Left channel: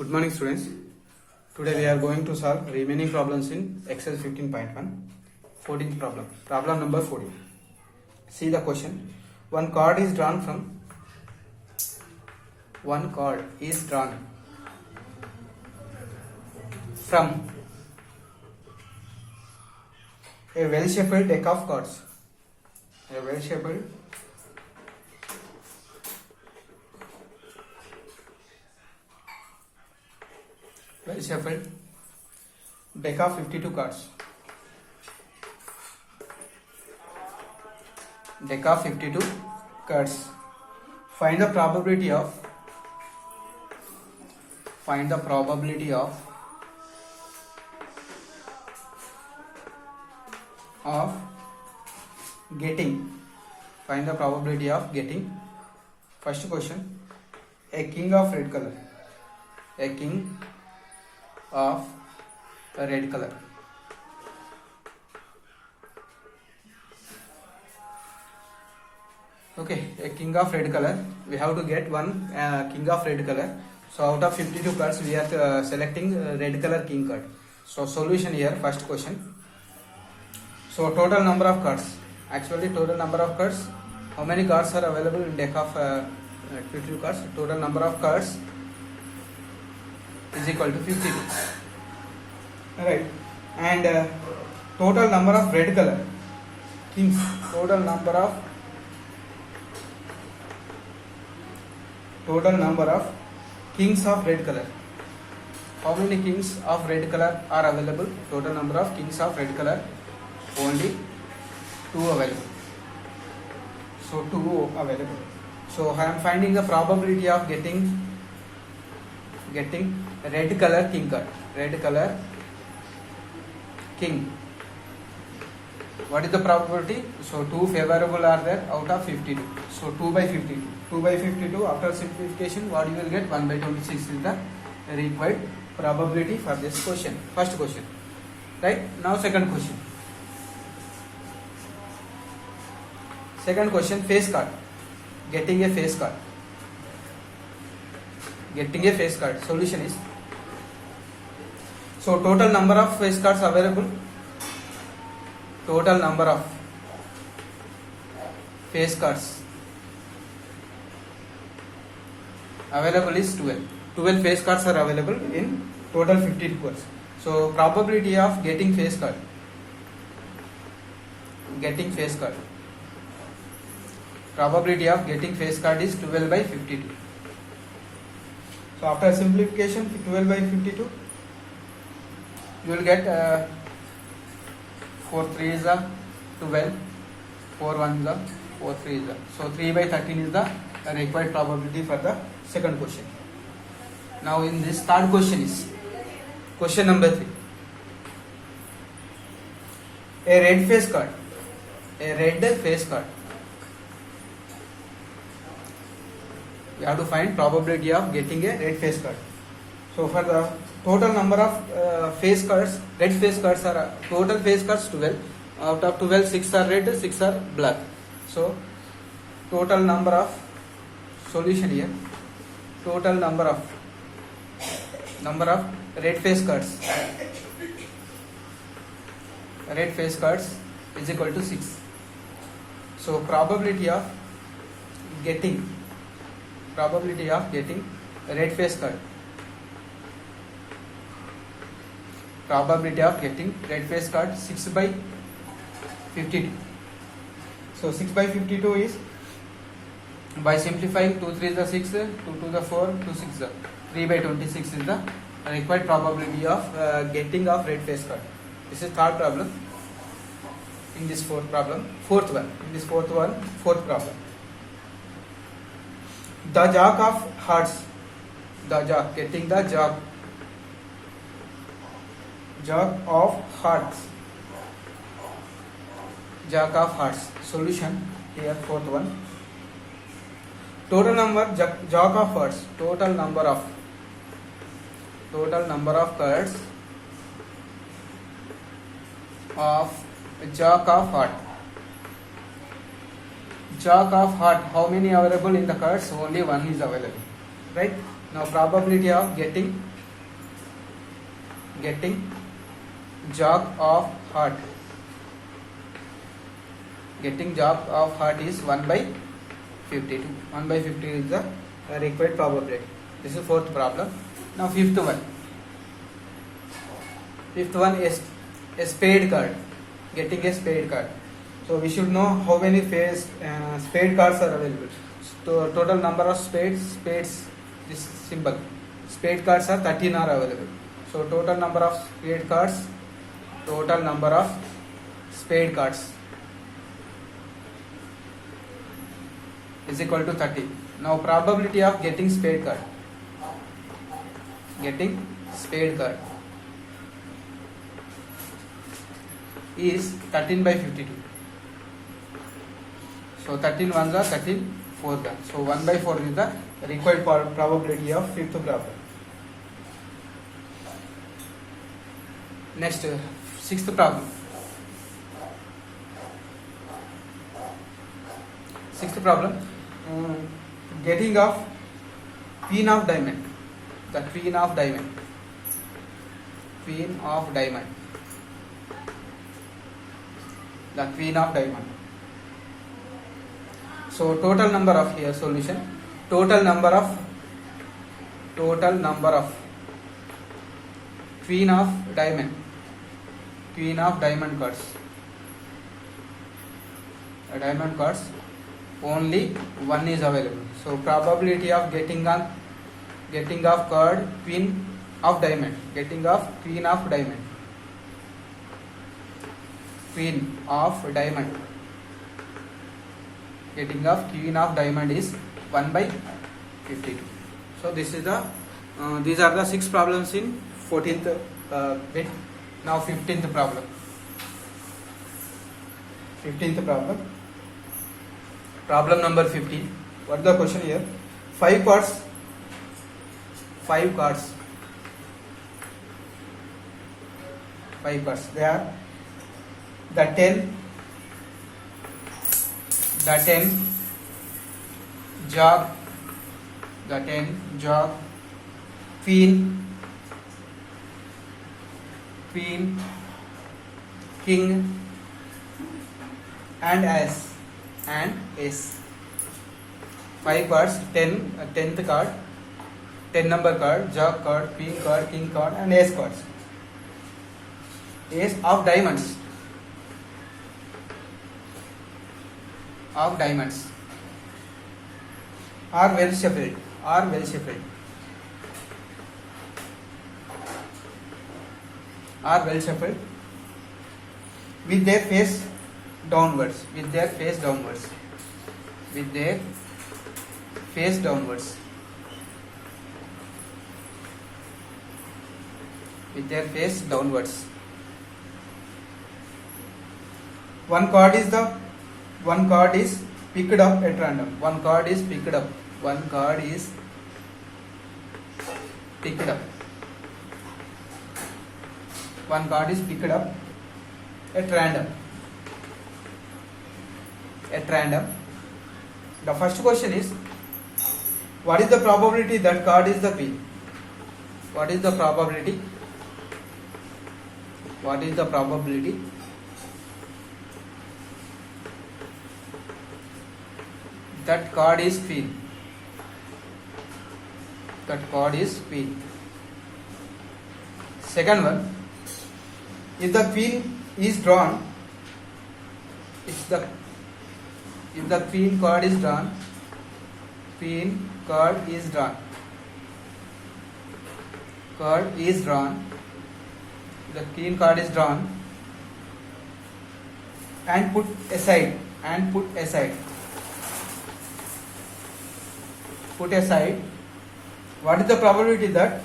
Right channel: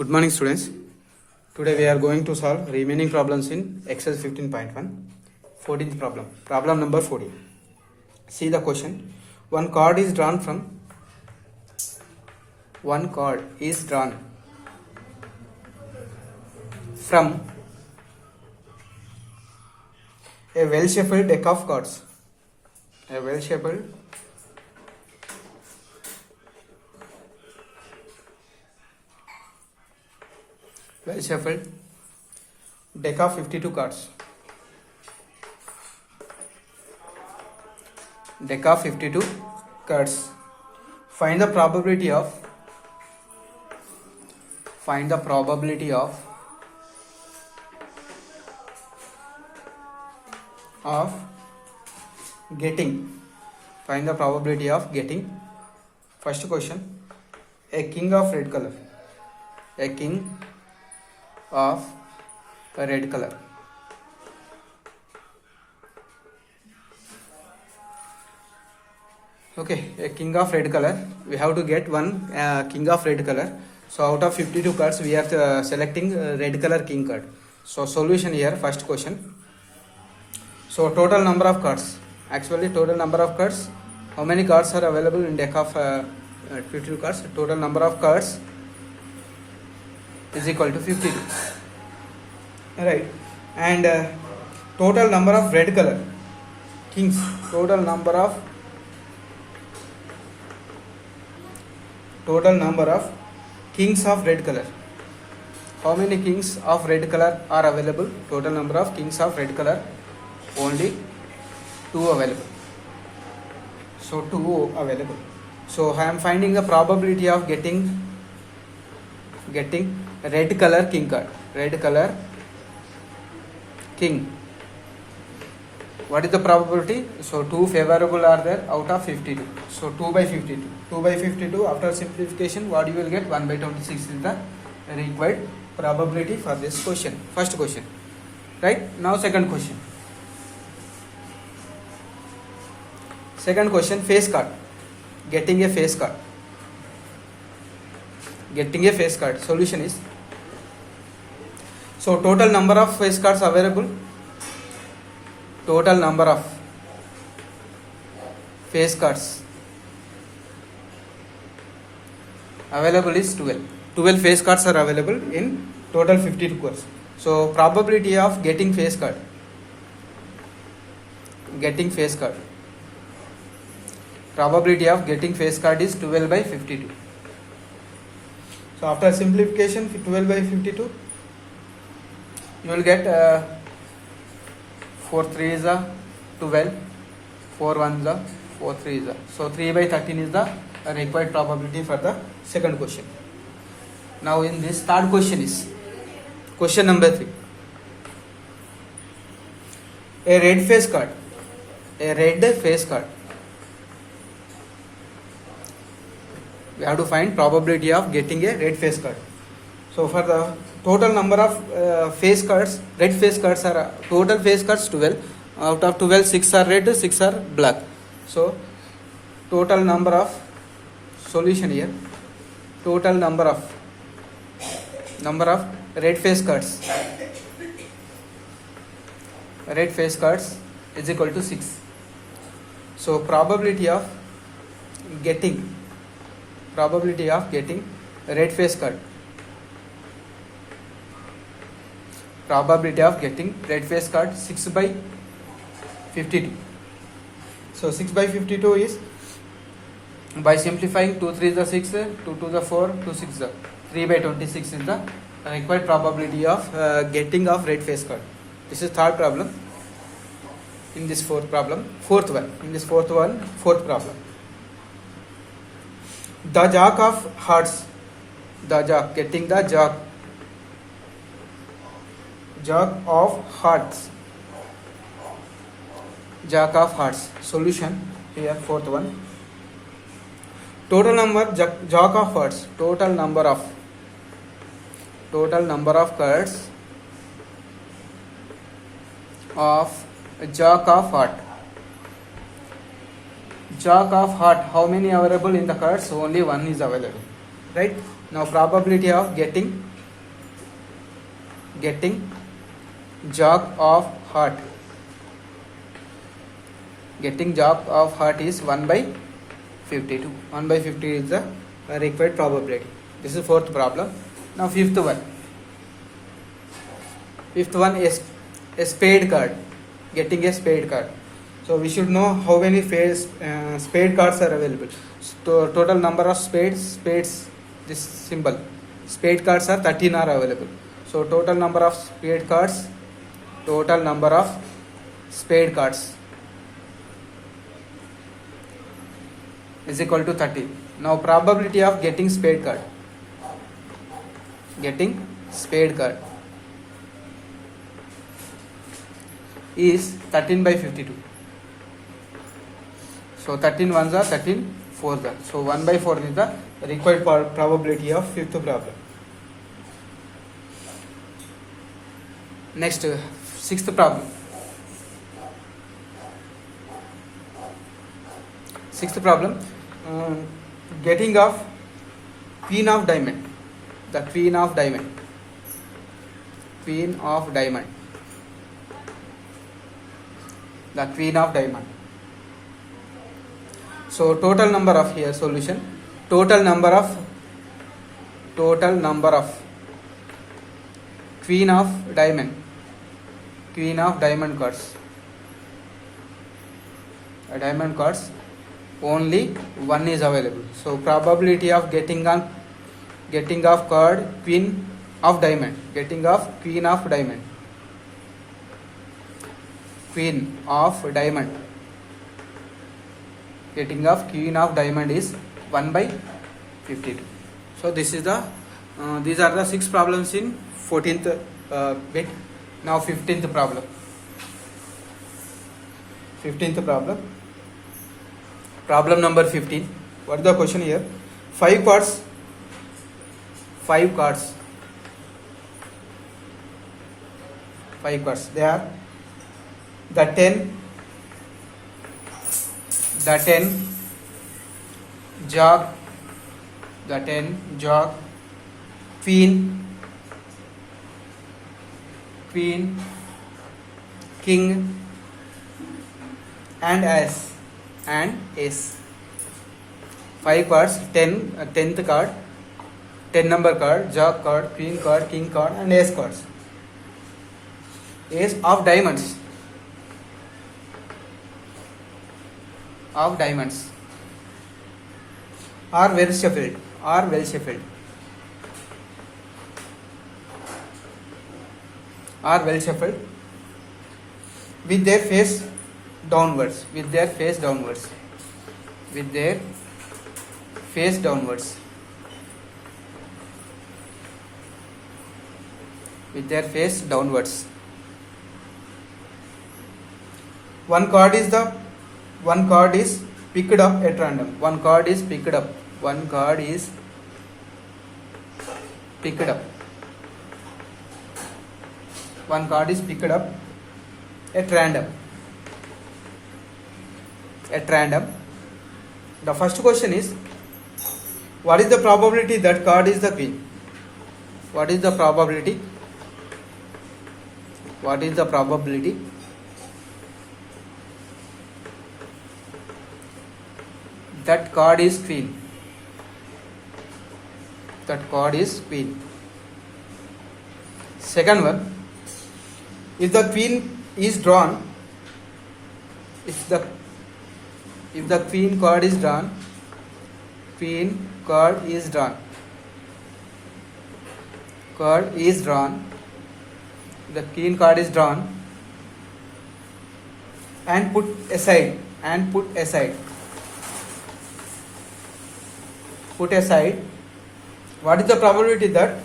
Good morning, students. Today we are going to solve remaining problems in exercise 15.1. 14th problem. Problem number 14. See the question. One card is drawn from a well-shuffled deck of cards. A well-shuffled deck of 52 cards. Deck of 52 cards. Find the probability of getting. First question, a king of red color. Okay, a king of red color. We have to get one king of red color. So out of 52 cards, we are selecting red color king card. So solution here, first question. So total number of cards. Actually, total number of cards. How many cards are available in deck of 52 cards? Total number of cards is equal to 52. Right. And total number of red color kings. Total number of kings of red color. How many kings of red color are available? Total number of kings of red color, only 2 available. So 2 available. So I am finding the probability of getting red color king card. Red color king. What is the probability? So 2 favorable are there out of 52. So 2 by 52. 2 by 52 after simplification, what you will get? 1 by 26 is the required probability for this question. First question. Right? Now second question. Second question, face card. Getting a face card. Solution is, so total number of face cards available. Total number of face cards available is 12. 12 face cards are available in total 52 cards. So probability of getting face card. Probability of getting face card is 12 by 52. So after simplification, 12 by 52, you will get 4 3 is the 12, 4 1 is the 4 3 is the. So 3 by 13 is the required probability for the second question. Now in this third question is question number 3. A red face card. We have to find probability of getting a red face card. So for the total number of face cards, red face cards are total face cards 12. Out of 12, 6 are red, 6 are black. So total number of solution here. Total number of red face cards. Red face cards is equal to 6. So probability of getting red face card. Probability of getting red face card 6 by 52. So 6 by 52 is, by simplifying, 2 3 is the 6, 2 2 the 4, 2 6 the 3 by 26 is the required probability of getting of red face card. This is third problem. In this fourth problem, fourth problem. The jack of hearts. Getting the jack of hearts. Solution here, fourth one. Total number jack of hearts. Total number of cards of jack of heart. Jack of heart, how many available in the cards? Only one is available, right? Now probability of getting jog of heart. Getting jog of heart is 1 by 52. 1 by 50 is the required probability. This is fourth problem. Now fifth one. Fifth one is a spade card. Getting a spade card. So we should know how many spade cards are available. So total number of spades, this symbol. Spade cards are 13 are available. So total number of spade cards is equal to 30. Now probability of getting spade card is 13 by 52. So 13 ones are 13 fours are. So 1 by 4 is the required probability of fifth problem. Next, sixth problem. Sixth problem, getting of queen of diamond. The queen of diamond. The queen of diamond. So total number of here solution. Total number of queen of diamond cards. Diamond cards. Only one is available. So probability of getting of card queen of diamond. Getting of queen of diamond. Getting of queen of diamond is 1 by 52. So this is the these are the 6 problems in 14th bit. Now 15th problem. 15th problem. Problem number 15. What is the question here? 5 cards. They are the 10 jog, queen, king, and ace. 5 cards, 10th card, 10 number card, jog card, queen card, king card, and ace cards. Ace of diamonds. Are well shuffled. With their face downwards. One card is picked up at random. One card is picked up at random. The first question is, what is the probability that card is the queen? What is the probability that card is queen? Second one, if the queen is drawn, if the queen card is drawn, the queen card is drawn and put aside. What is the probability that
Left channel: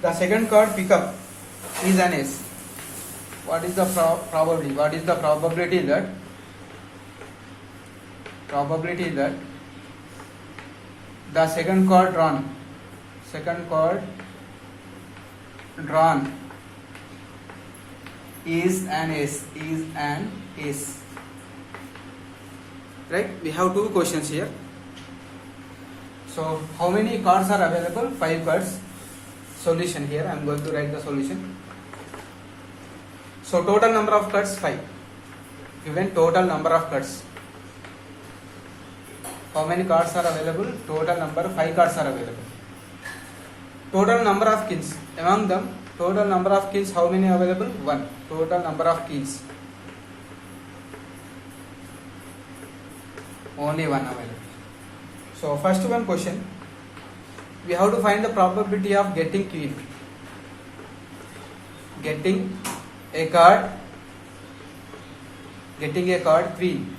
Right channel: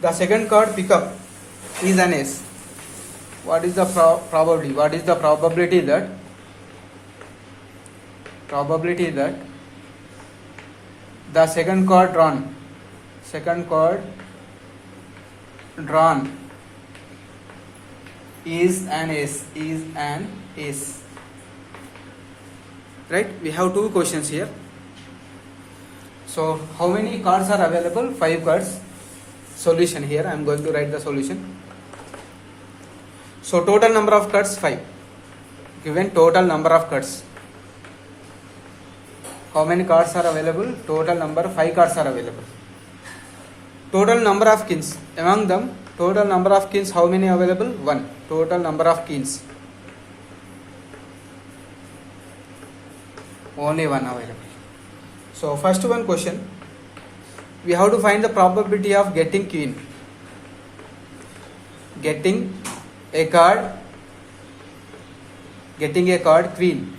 the second card pickup is an ace? What is the probability? What is the probability that the second card drawn is an ace? Right? We have 2 questions here. So how many cards are available? 5 cards. Solution here. I am going to write the solution. So total number of cards 5. Given total number of cards. How many cards are available? Total number 5 cards are available. Total number of kings. Among them, total number of kings, how many available? 1. Total number of kings. Only 1 available. So first one question. We have to find the probability of getting queen. Getting a card queen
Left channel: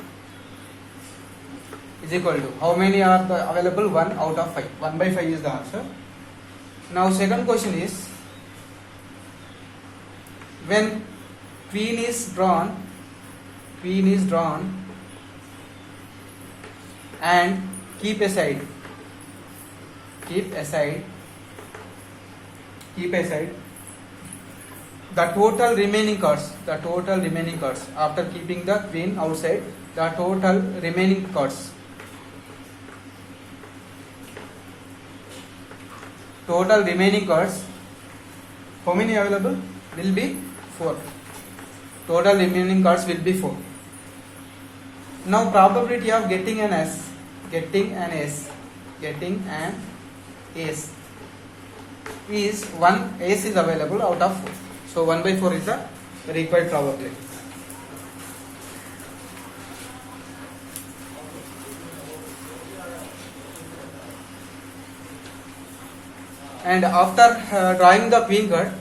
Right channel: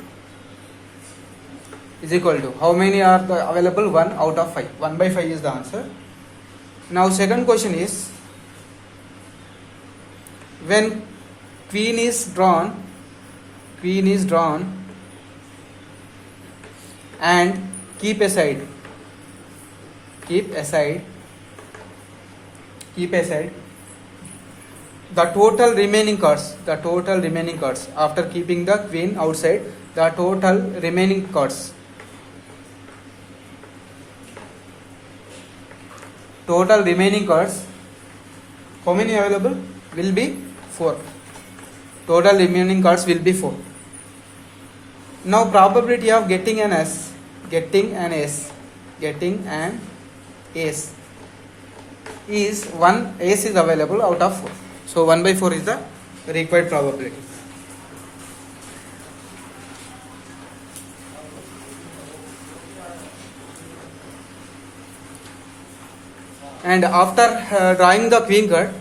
is equal to how many are available? 1 out of 5. 1 by 5 is the answer. Now second question is, when queen is drawn and keep aside the total remaining cards after keeping the queen outside, the total remaining cards how many available? Will be 4. Total remaining cards will be 4. Now probability of getting an ace is 1 ace is available out of 4. So 1 by 4 is the required probability. And after drawing the queen card,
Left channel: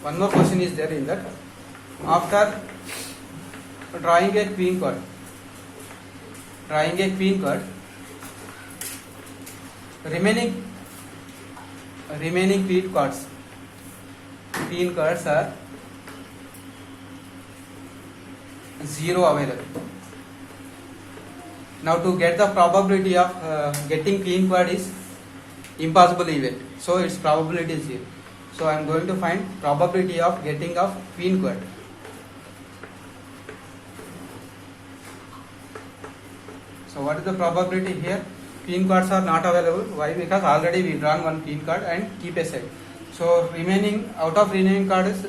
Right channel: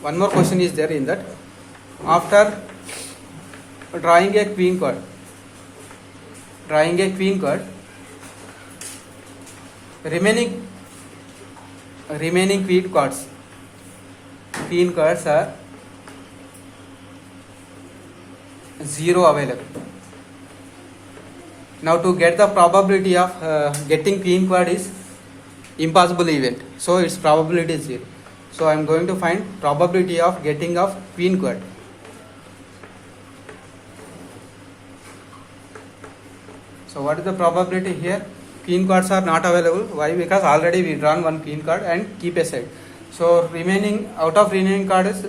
one more question is there in that. After drawing a queen card, remaining queen cards are 0 available. Now to get the probability of getting queen card is impossible event, so its probability is 0. So I am going to find probability of getting of queen card. So what is the probability here? Queen cards are not available. Why? Because already we drawn 1 queen card and keep aside. So remaining card is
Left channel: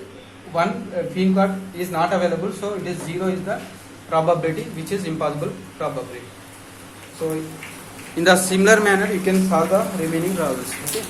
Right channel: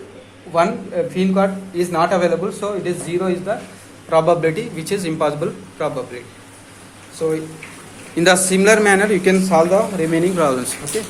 1 queen card is not available. So it is 0 is the probability, which is impossible probability. So in the similar manner you can solve the remaining problems. Okay.